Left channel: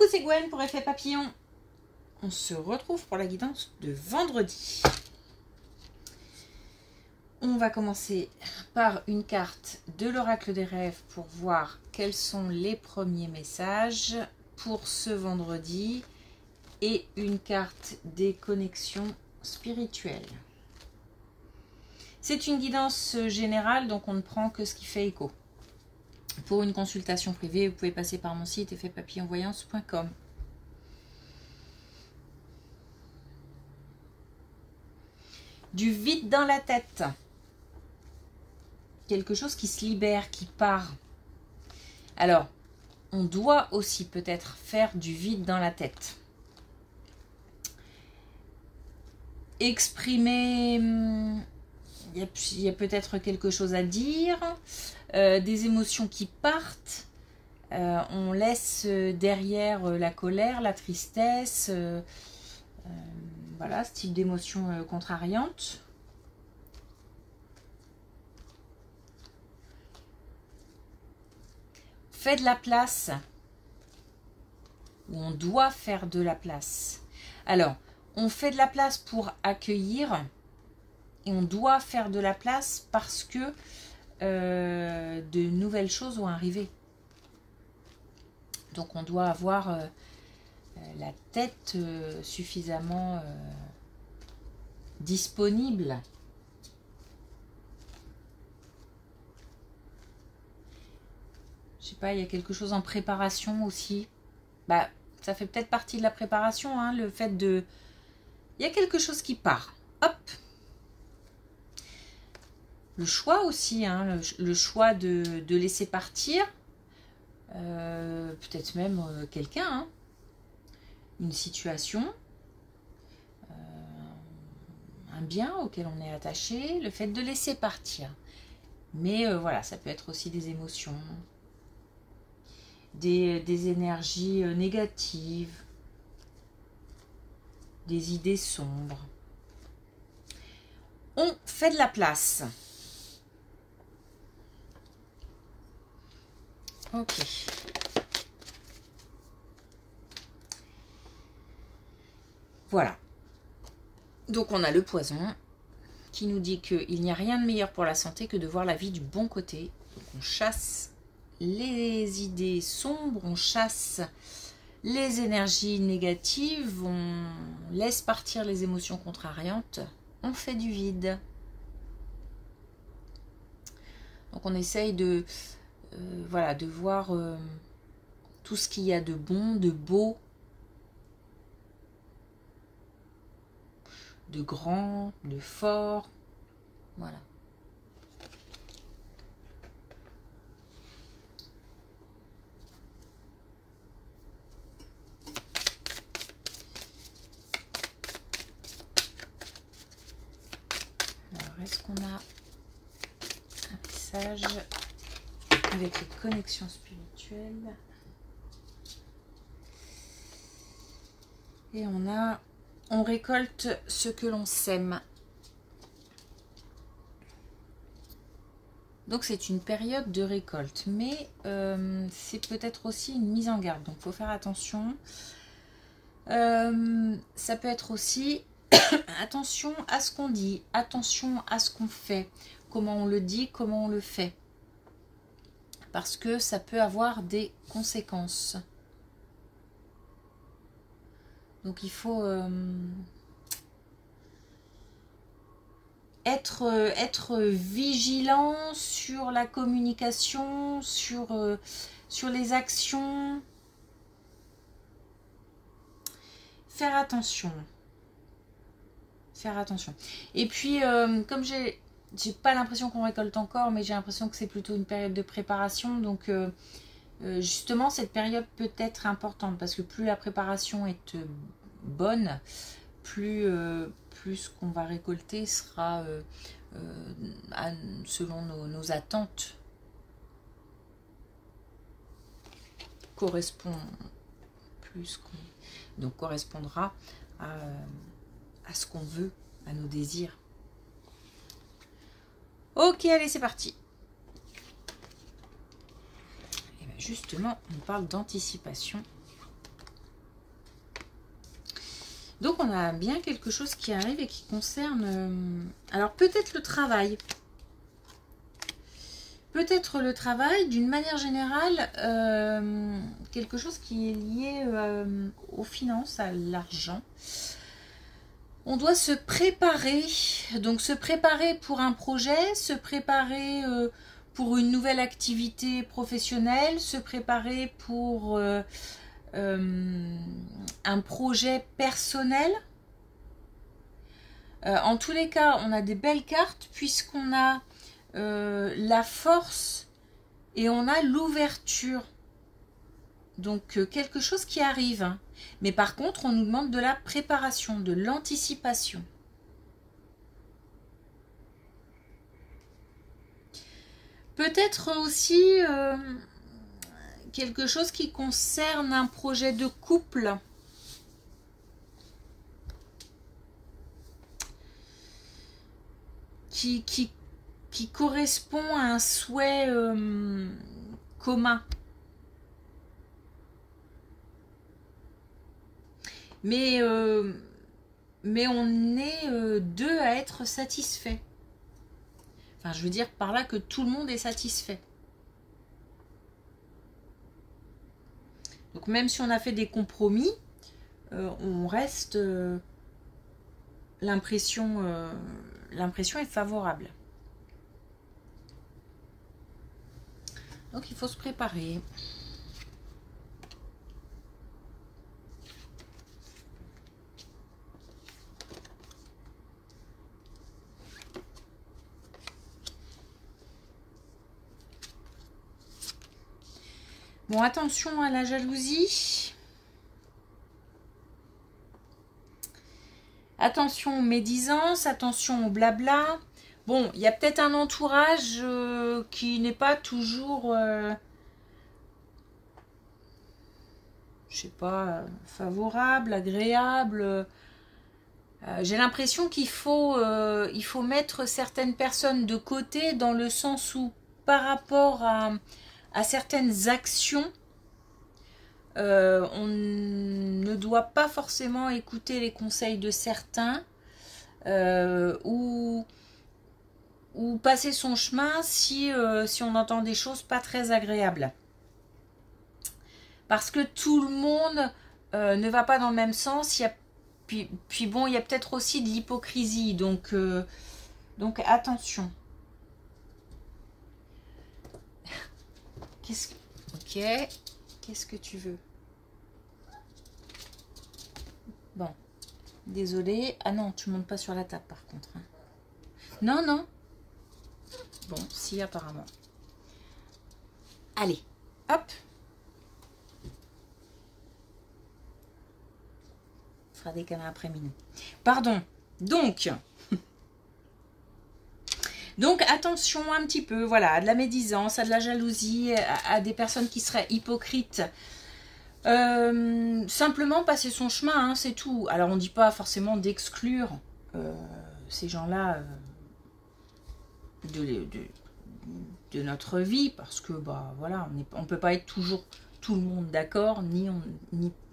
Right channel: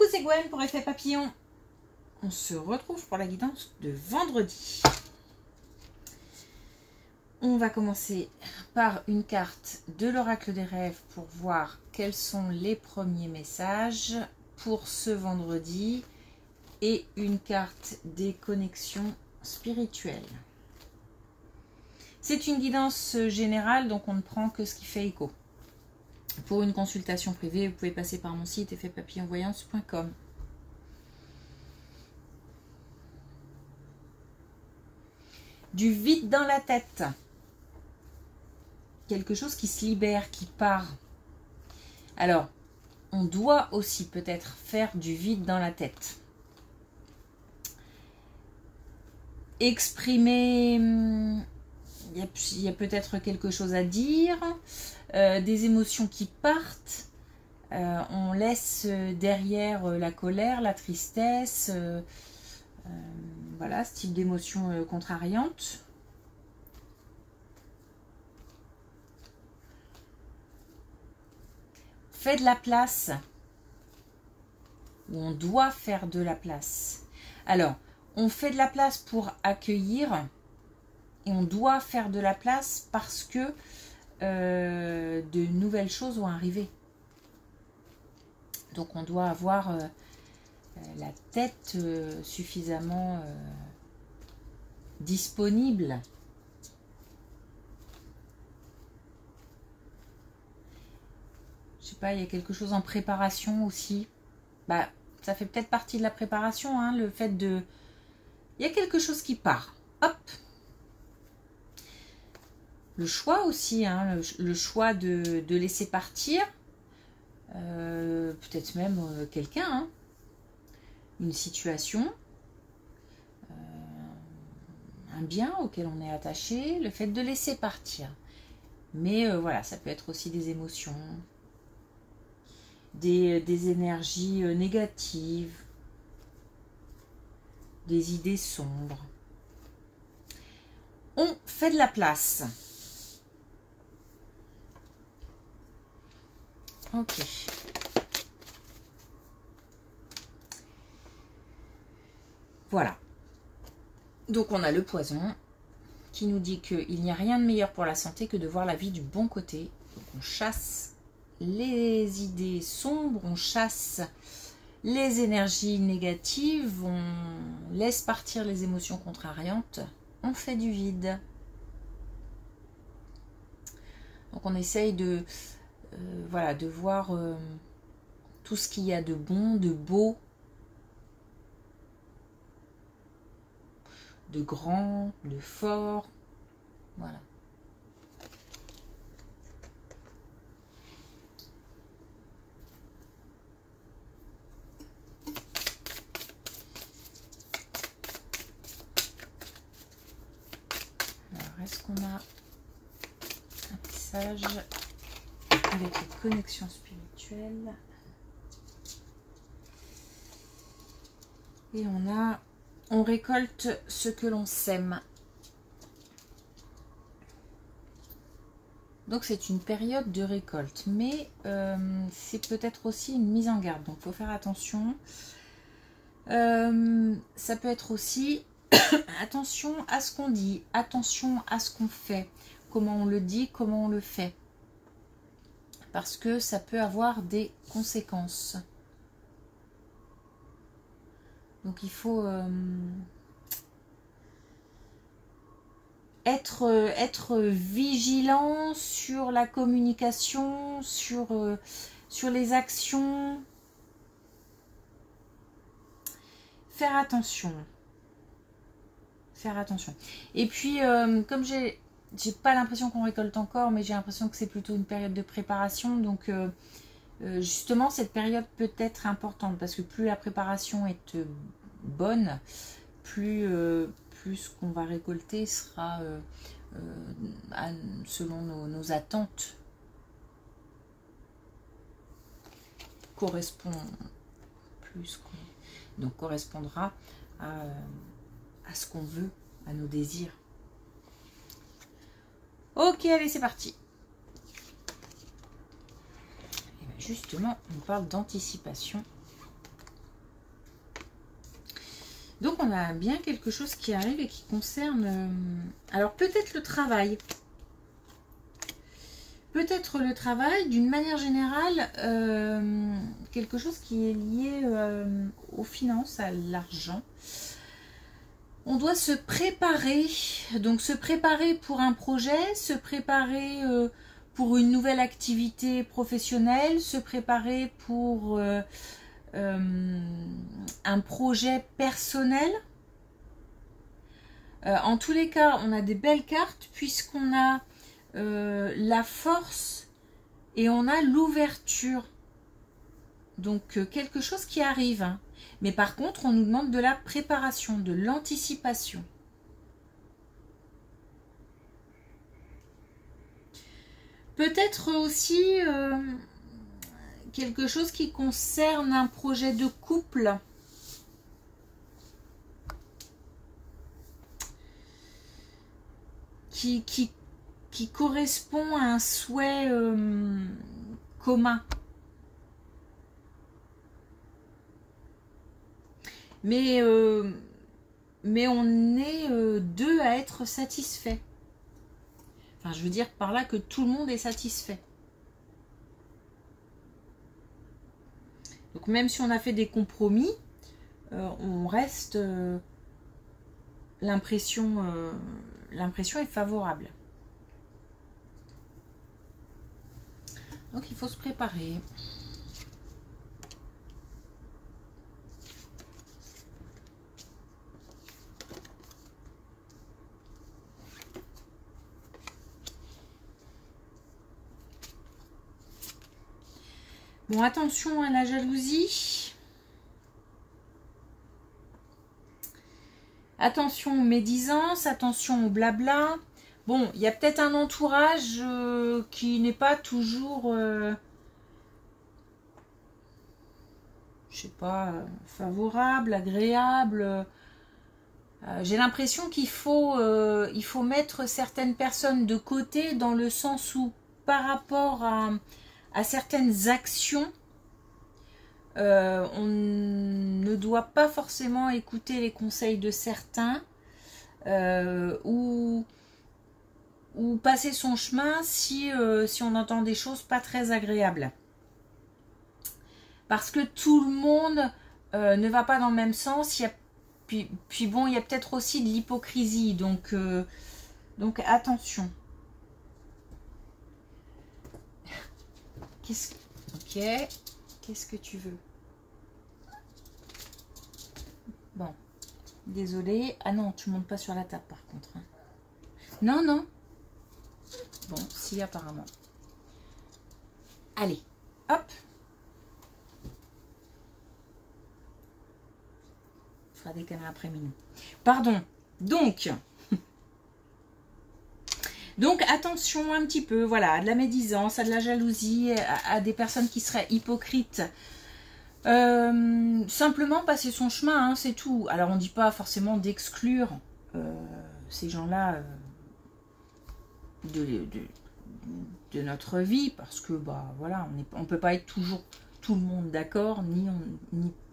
Coucou, c'est Gwen pour Effet Papillon. On se retrouve pour la guidance de vendredi. On va commencer par une carte de l'oracle des rêves pour voir quels sont les premiers messages pour ce vendredi et une carte des connexions spirituelles. C'est une guidance générale, donc on ne prend que ce qui fait écho. Pour une consultation privée, vous pouvez passer par mon site effetpapillonvoyance.com. Du vide dans la tête. Quelque chose qui se libère, qui part. Alors, on doit aussi peut-être faire du vide dans la tête. Exprimer, il y a peut-être quelque chose à dire, des émotions qui partent. On laisse derrière la colère, la tristesse, voilà, ce type d'émotions contrariantes. Fait de la place, ou on doit faire de la place. Alors, on fait de la place pour accueillir, et on doit faire de la place parce que de nouvelles choses vont arriver. Donc, on doit avoir la tête suffisamment disponible. Je sais pas, il y a quelque chose en préparation aussi. Bah, ça fait peut-être partie de la préparation, hein, le fait de... Il y a quelque chose qui part. Hop. Le choix aussi, hein, le choix de laisser partir. Peut-être même quelqu'un, hein, une situation, un bien auquel on est attaché, le fait de laisser partir. Mais voilà, ça peut être aussi des émotions, des énergies négatives, des idées sombres. On fait de la place. Ok. Voilà. Donc on a le poison qui nous dit qu'il n'y a rien de meilleur pour la santé que de voir la vie du bon côté. Donc on chasse les idées sombres, on chasse les énergies négatives, on laisse partir les émotions contrariantes, on fait du vide. Donc on essaye de, voilà, de voir tout ce qu'il y a de bon, de beau, de grand, de fort, voilà. Alors, est-ce qu'on a un message avec les connexions spirituelles? Et on récolte ce que l'on sème. Donc c'est une période de récolte, mais c'est peut-être aussi une mise en garde, donc il faut faire attention. Ça peut être aussi attention à ce qu'on dit, attention à ce qu'on fait, comment on le dit, comment on le fait, parce que ça peut avoir des conséquences. Donc il faut être vigilant sur la communication, sur les actions. Faire attention. Faire attention. Et puis, comme j'ai pas l'impression qu'on récolte encore, mais j'ai l'impression que c'est plutôt une période de préparation. Donc, justement, cette période peut être importante parce que plus la préparation est bonne, plus ce qu'on va récolter sera selon nos attentes, correspondra à ce qu'on veut, à nos désirs. Ok, allez, c'est parti. Et bien justement, on parle d'anticipation. Donc on a bien quelque chose qui arrive et qui concerne... alors peut-être le travail. Peut-être le travail, d'une manière générale, quelque chose qui est lié aux finances, à l'argent. On doit se préparer, donc se préparer pour un projet, se préparer pour une nouvelle activité professionnelle, se préparer pour un projet personnel. En tous les cas, on a des belles cartes puisqu'on a la force et on a l'ouverture. Donc quelque chose qui arrive. Hein. Mais par contre, on nous demande de la préparation, de l'anticipation. Peut-être aussi quelque chose qui concerne un projet de couple. Qui correspond à un souhait commun. Mais on est deux à être satisfaits. Enfin, je veux dire par là que tout le monde est satisfait. Donc même si on a fait des compromis, on reste... l'impression est favorable. Donc il faut se préparer. Bon, attention à la jalousie. Attention aux médisances, attention au blabla. Bon, il y a peut-être un entourage qui n'est pas toujours, je sais pas, favorable, agréable. J'ai l'impression qu'il faut mettre certaines personnes de côté dans le sens où, par rapport à certaines actions, on ne doit pas forcément écouter les conseils de certains ou passer son chemin si on entend des choses pas très agréables. Parce que tout le monde ne va pas dans le même sens. Puis bon, il y a peut-être aussi de l'hypocrisie. Donc attention. Ok. Qu'est-ce que tu veux? Bon. Désolée. Ah non, tu montes pas sur la table par contre. Hein. Non, non. Bon, si, apparemment. Allez, hop. On fera des câlins après minuit. Pardon. Donc, attention un petit peu, voilà, à de la médisance, à de la jalousie, à des personnes qui seraient hypocrites. Simplement passer son chemin, hein, c'est tout. Alors, on ne dit pas forcément d'exclure ces gens-là de notre vie, parce que, bah, voilà, on ne peut pas être toujours tout le monde d'accord,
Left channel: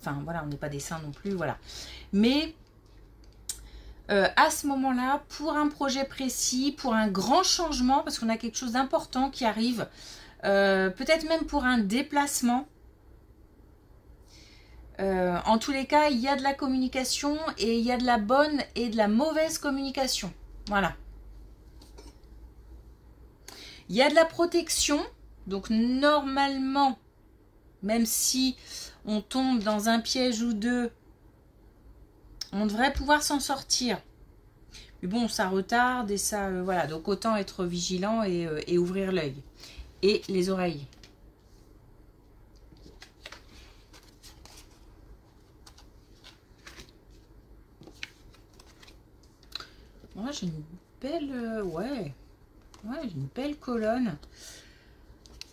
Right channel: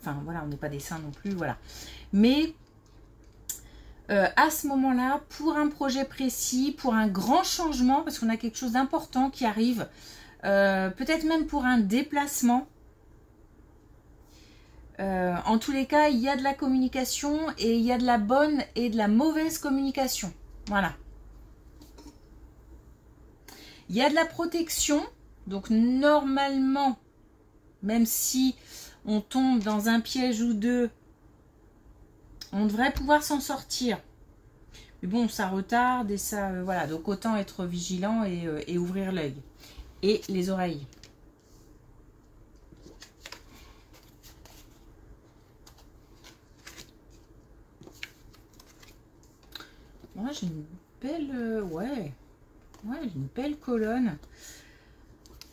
enfin, voilà, on n'est pas des saints non plus, voilà. Mais... à ce moment-là, pour un projet précis, pour un grand changement, parce qu'on a quelque chose d'important qui arrive, peut-être même pour un déplacement. En tous les cas, il y a de la communication et il y a de la bonne et de la mauvaise communication. Voilà. Il y a de la protection, donc normalement, même si on tombe dans un piège ou deux, on devrait pouvoir s'en sortir. Mais bon, ça retarde et ça... voilà, donc autant être vigilant et ouvrir l'œil. Et les oreilles. Moi, j'ai une belle... ouais, une belle colonne.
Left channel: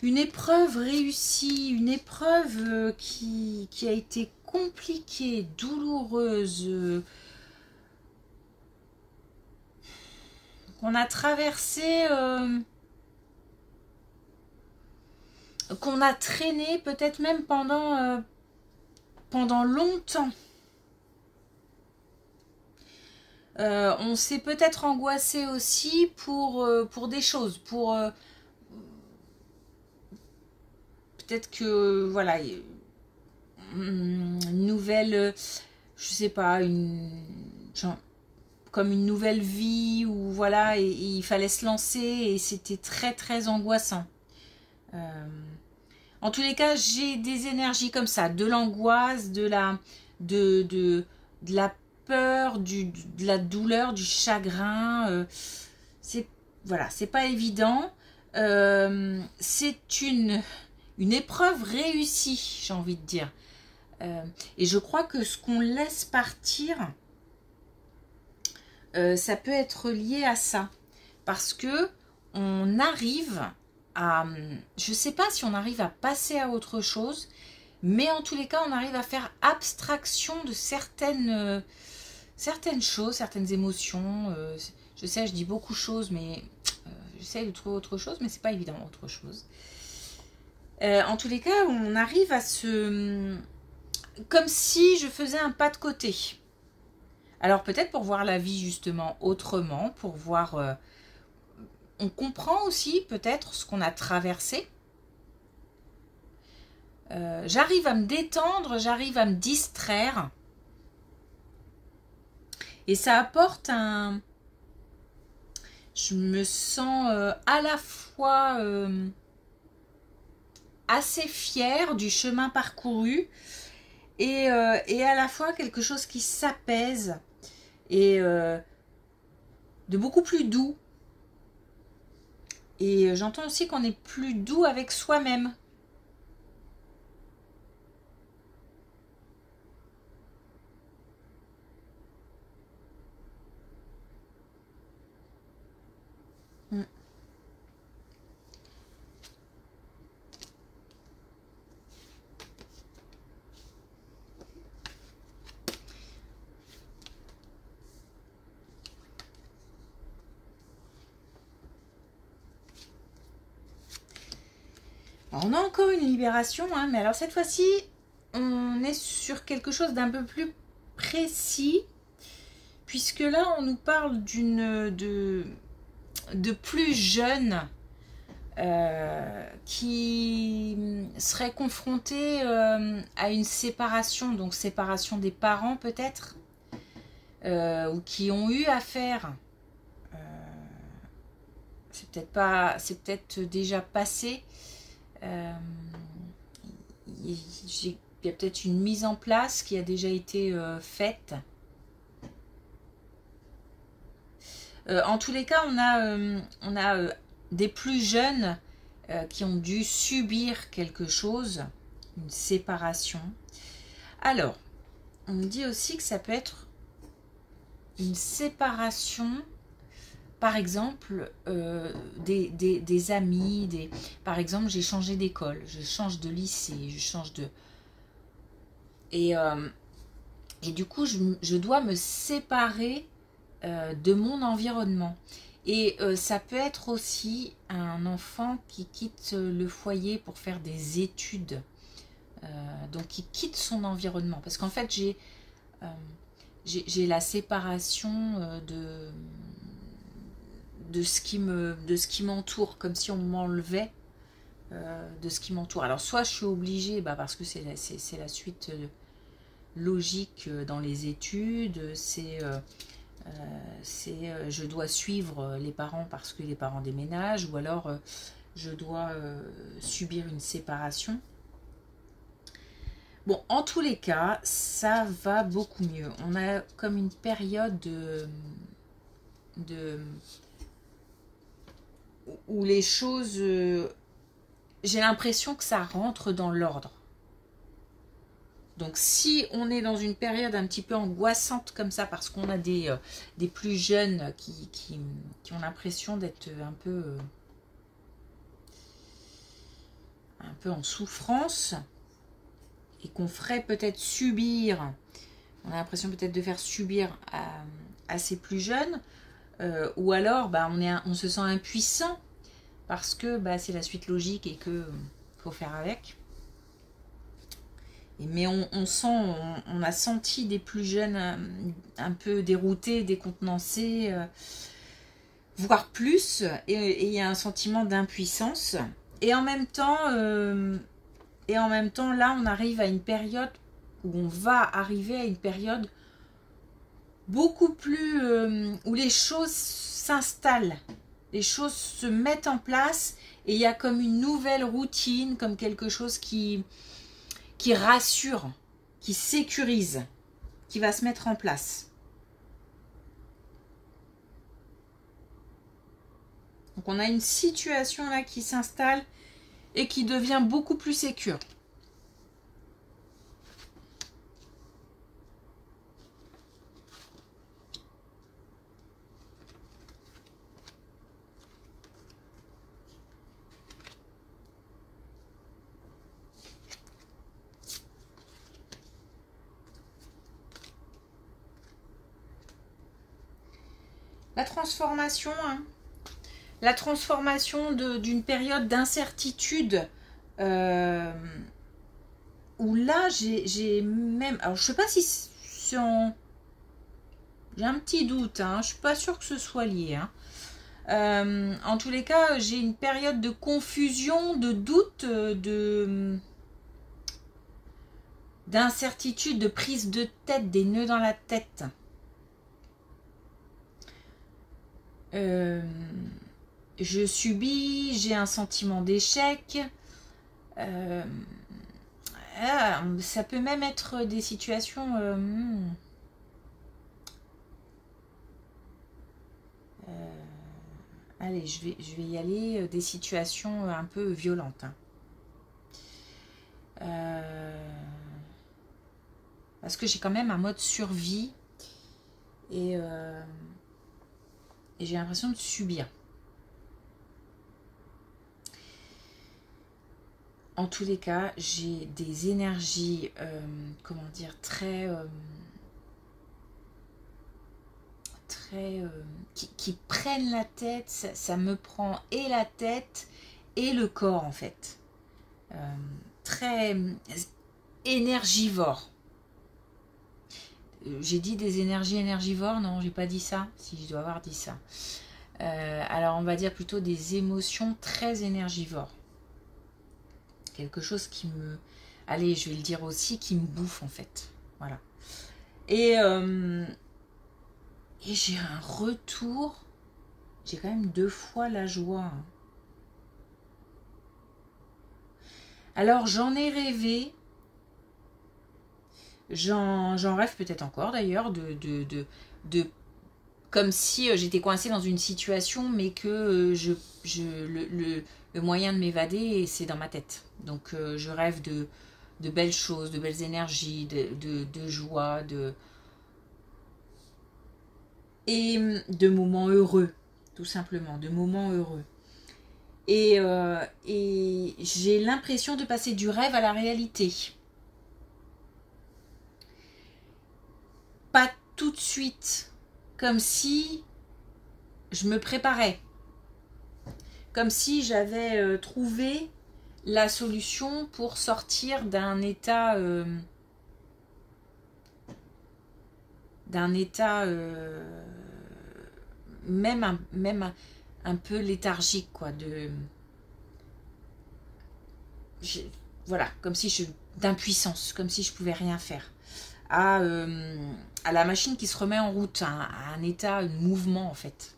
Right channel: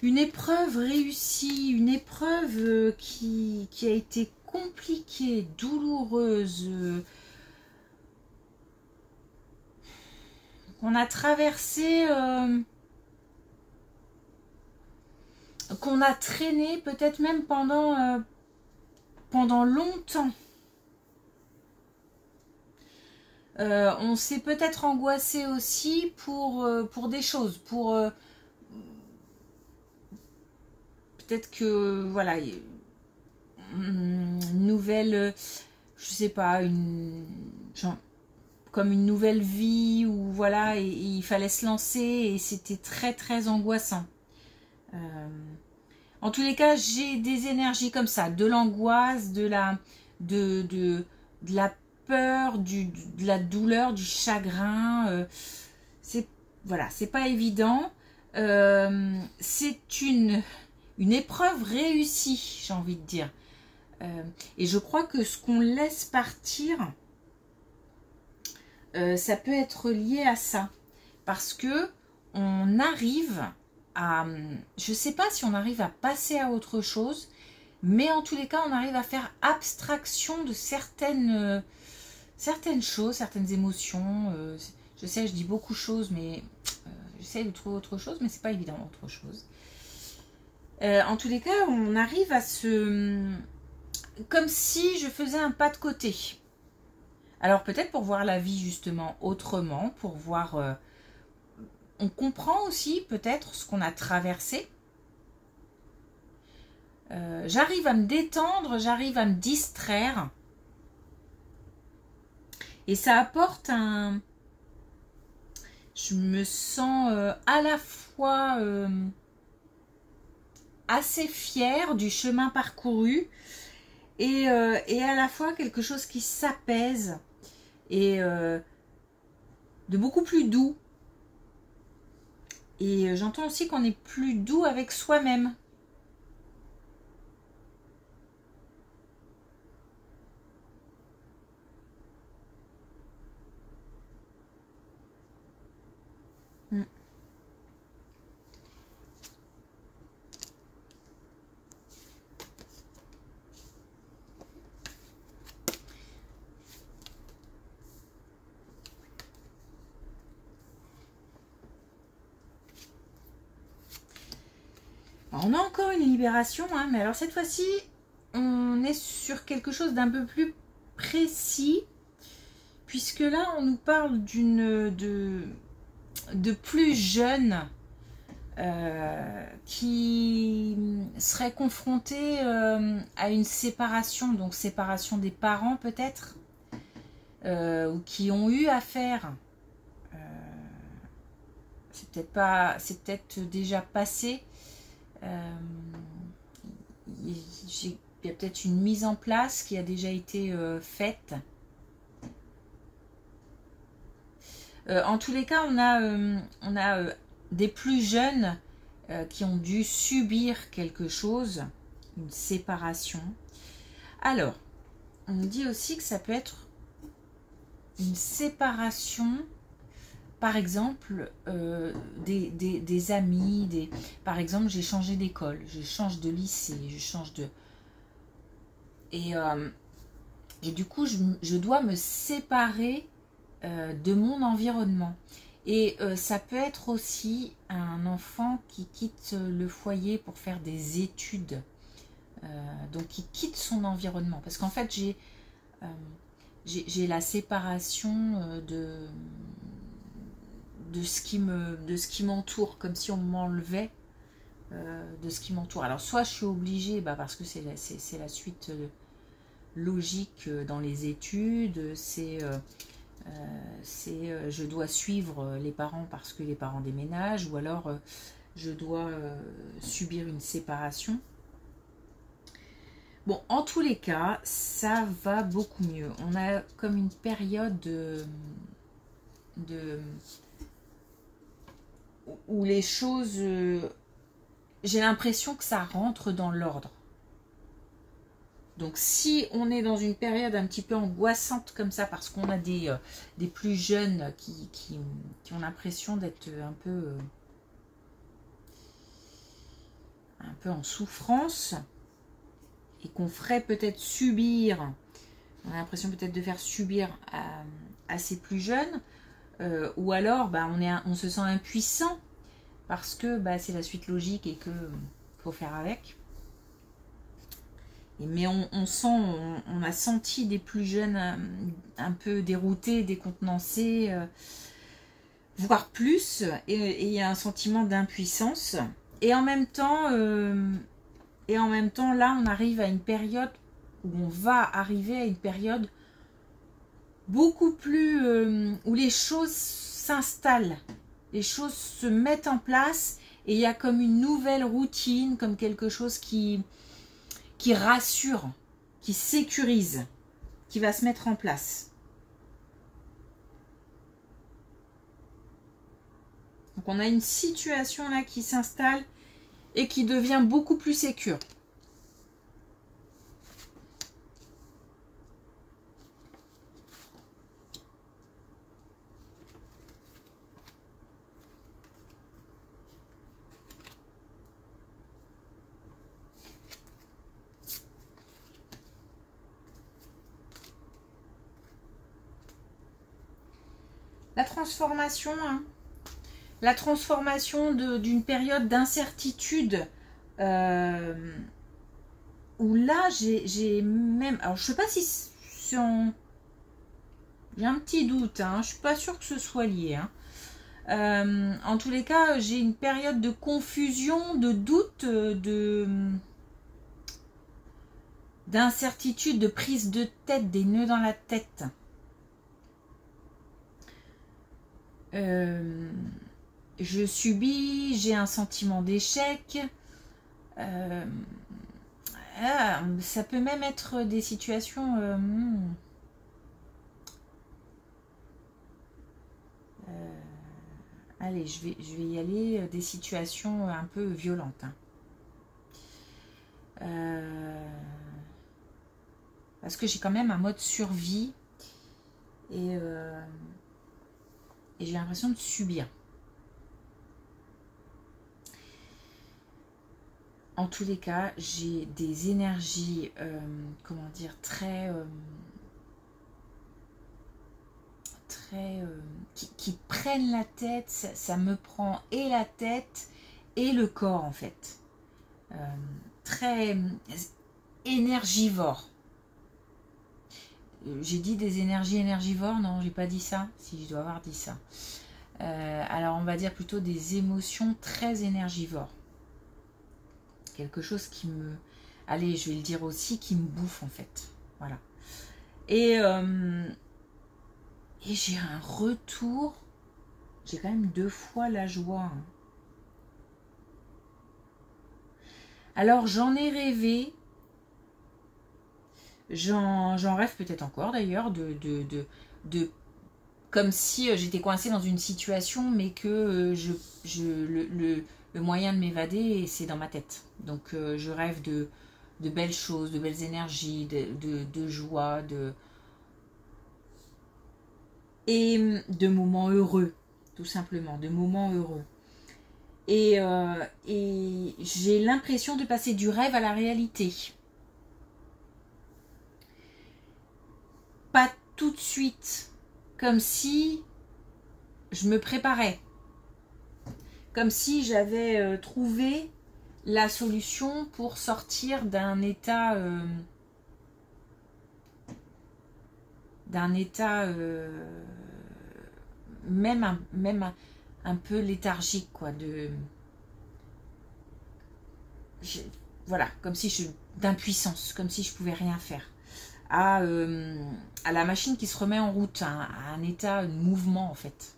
Une épreuve réussie, une épreuve qui a été compliquée, douloureuse, qu'on a traversé, qu'on a traîné peut-être même pendant longtemps. On s'est peut-être angoissé aussi pour des choses, peut-être que voilà, une nouvelle, je sais pas, genre, comme une nouvelle vie ou voilà, et il fallait se lancer et c'était très très angoissant. Euh, En tous les cas, j'ai des énergies comme ça, de l'angoisse, de la peur, de la douleur, du chagrin. C'est voilà, c'est pas évident. C'est une épreuve réussie, j'ai envie de dire. Et je crois que ce qu'on laisse partir, ça peut être lié à ça. Parce que on arrive à... Je ne sais pas si on arrive à passer à autre chose, mais en tous les cas, on arrive à faire abstraction de certaines choses, certaines émotions. Je sais, je dis beaucoup de choses, mais j'essaie de trouver autre chose, mais c'est pas évident, autre chose. En tous les cas, on arrive à se... Comme si je faisais un pas de côté. Alors peut-être pour voir la vie justement autrement, pour voir... on comprend aussi peut-être ce qu'on a traversé. J'arrive à me détendre, j'arrive à me distraire. Et ça apporte un... Je me sens à la fois assez fière du chemin parcouru et à la fois quelque chose qui s'apaise et de beaucoup plus doux. Et j'entends aussi qu'on est plus doux avec soi-même. Alors, on a encore une libération, hein, mais alors cette fois-ci, on est sur quelque chose d'un peu plus précis, puisque là, on nous parle de plus jeune qui serait confronté à une séparation, donc séparation des parents peut-être, ou qui ont eu affaire, c'est peut-être déjà passé. Il y a peut-être une mise en place qui a déjà été faite. En tous les cas, on a des plus jeunes qui ont dû subir quelque chose, une séparation. Alors, on me dit aussi que ça peut être une séparation, par exemple, des amis, par exemple, j'ai changé d'école, je change de lycée, je change de... Et du coup, je dois me séparer de mon environnement. Et ça peut être aussi un enfant qui quitte le foyer pour faire des études. Donc, qui quitte son environnement. Parce qu'en fait, j'ai la séparation de ce qui m'entoure, comme si on m'enlevait de ce qui m'entoure. Alors, soit je suis obligée, parce que c'est la suite logique dans les études, je dois suivre les parents parce que les parents déménagent, ou alors je dois subir une séparation. Bon, en tous les cas, ça va beaucoup mieux. On a comme une période où les choses... j'ai l'impression que ça rentre dans l'ordre. Donc si on est dans une période un petit peu angoissante comme ça, parce qu'on a des plus jeunes qui ont l'impression d'être un peu en souffrance, et qu'on ferait peut-être subir, on a l'impression peut-être de faire subir à ces plus jeunes, ou alors on se sent impuissant, parce que c'est la suite logique et que faut faire avec. Mais on sent, on a senti des plus jeunes un peu déroutés, décontenancés, voire plus, et il y a un sentiment d'impuissance. Et en même temps, là, on arrive à une période où on va arriver à une période beaucoup plus où les choses s'installent, les choses se mettent en place, et il y a comme une nouvelle routine, comme quelque chose qui rassure, qui sécurise, qui va se mettre en place. Donc on a une situation là qui s'installe et qui devient beaucoup plus sécure. La transformation, hein. La transformation d'une période d'incertitude où là j'ai même, alors je sais pas si j'ai un petit doute, hein, je suis pas sûre que ce soit lié, hein. En tous les cas, j'ai une période de confusion, de doute, d'incertitude, de prise de tête, des nœuds dans la tête. Je subis, j'ai un sentiment d'échec. Ça peut même être des situations... allez, je vais y aller, des situations un peu violentes. Hein. Parce que j'ai quand même un mode survie. Et j'ai l'impression de subir. En tous les cas, j'ai des énergies, comment dire, très qui prennent la tête. Ça me prend et la tête et le corps, en fait. Très énergivore. J'ai dit des énergies énergivores? Non, j'ai pas dit ça. Si, je dois avoir dit ça. Alors, on va dire plutôt des émotions très énergivores. Quelque chose qui me... Allez, je vais le dire aussi, qui me bouffe, en fait. Voilà. Et j'ai un retour. J'ai quand même 2 fois la joie. Hein. Alors, j'en ai rêvé. J'en rêve peut-être encore d'ailleurs, de comme si j'étais coincée dans une situation, mais que le moyen de m'évader, c'est dans ma tête. Donc je rêve de belles choses, de belles énergies, de joie, et de moments heureux, tout simplement, de moments heureux. Et j'ai l'impression de passer du rêve à la réalité. Pas tout de suite, comme si je me préparais, comme si j'avais trouvé la solution pour sortir d'un état même un peu léthargique, quoi, voilà, comme si d'impuissance, comme si je pouvais rien faire. À la machine qui se remet en route, à un état de mouvement, en fait.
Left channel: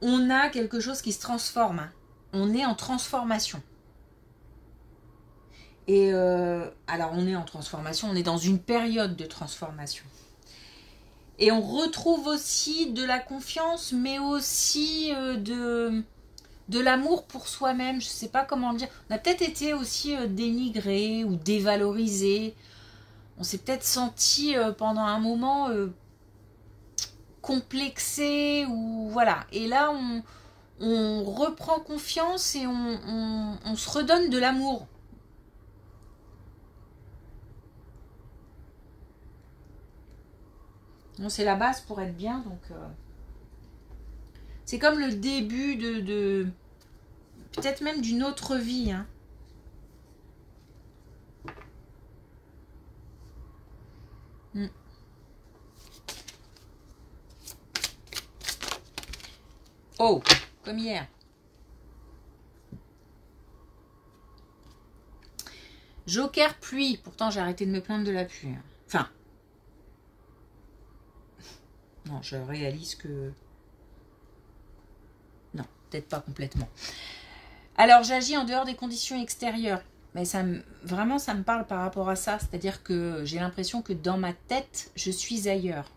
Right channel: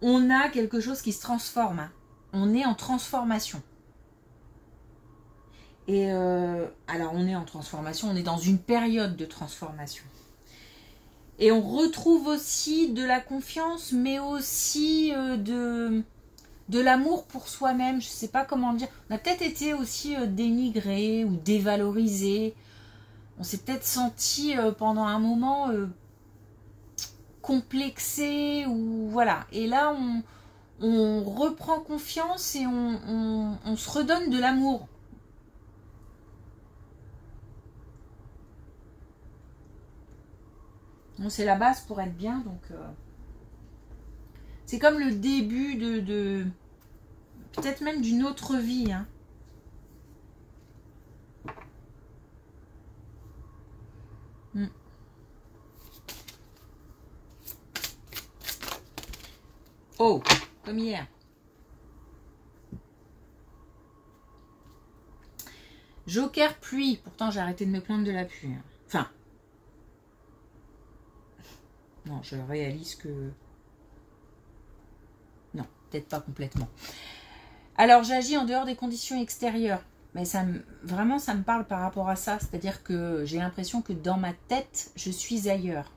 On a quelque chose qui se transforme. Hein. On est en transformation. Et alors, on est en transformation, on est dans une période de transformation. Et on retrouve aussi de la confiance, mais aussi de l'amour pour soi-même, je ne sais pas comment le dire. On a peut-être été aussi dénigré ou dévalorisé. On s'est peut-être senti pendant un moment complexé, ou voilà. Et là, on reprend confiance et on se redonne de l'amour. Bon, c'est la base pour être bien, donc c'est comme le début de peut-être même d'une autre vie. Hein. Mm. Oh, comme hier. Joker pluie. Pourtant, j'ai arrêté de me plaindre de la pluie. Enfin. Non, je réalise que... Non, peut-être pas complètement. Alors, j'agis en dehors des conditions extérieures. Mais vraiment, ça me parle par rapport à ça. C'est-à-dire que j'ai l'impression que dans ma tête, je suis ailleurs.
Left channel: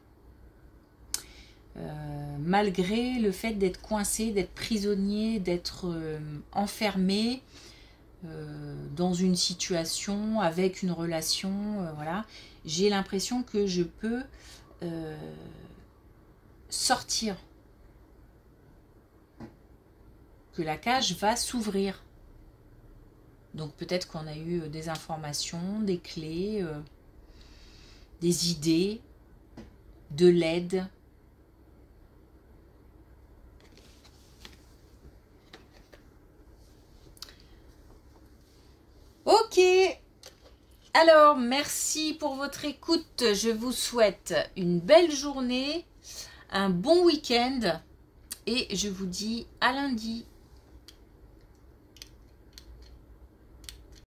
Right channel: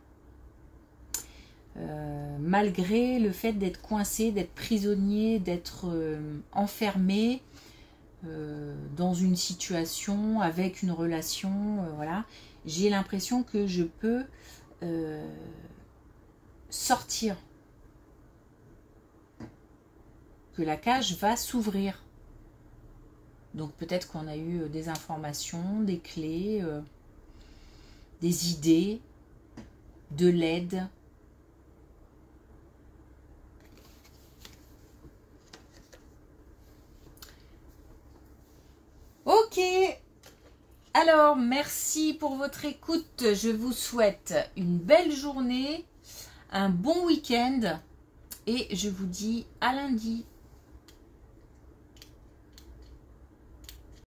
Malgré le fait d'être coincé, d'être prisonnier, d'être enfermé dans une situation, avec une relation, voilà, j'ai l'impression que je peux sortir, que la cage va s'ouvrir. Donc peut-être qu'on a eu des informations, des clés, des idées, de l'aide. Ok, alors merci pour votre écoute. Je vous souhaite une belle journée, un bon week-end et je vous dis à lundi.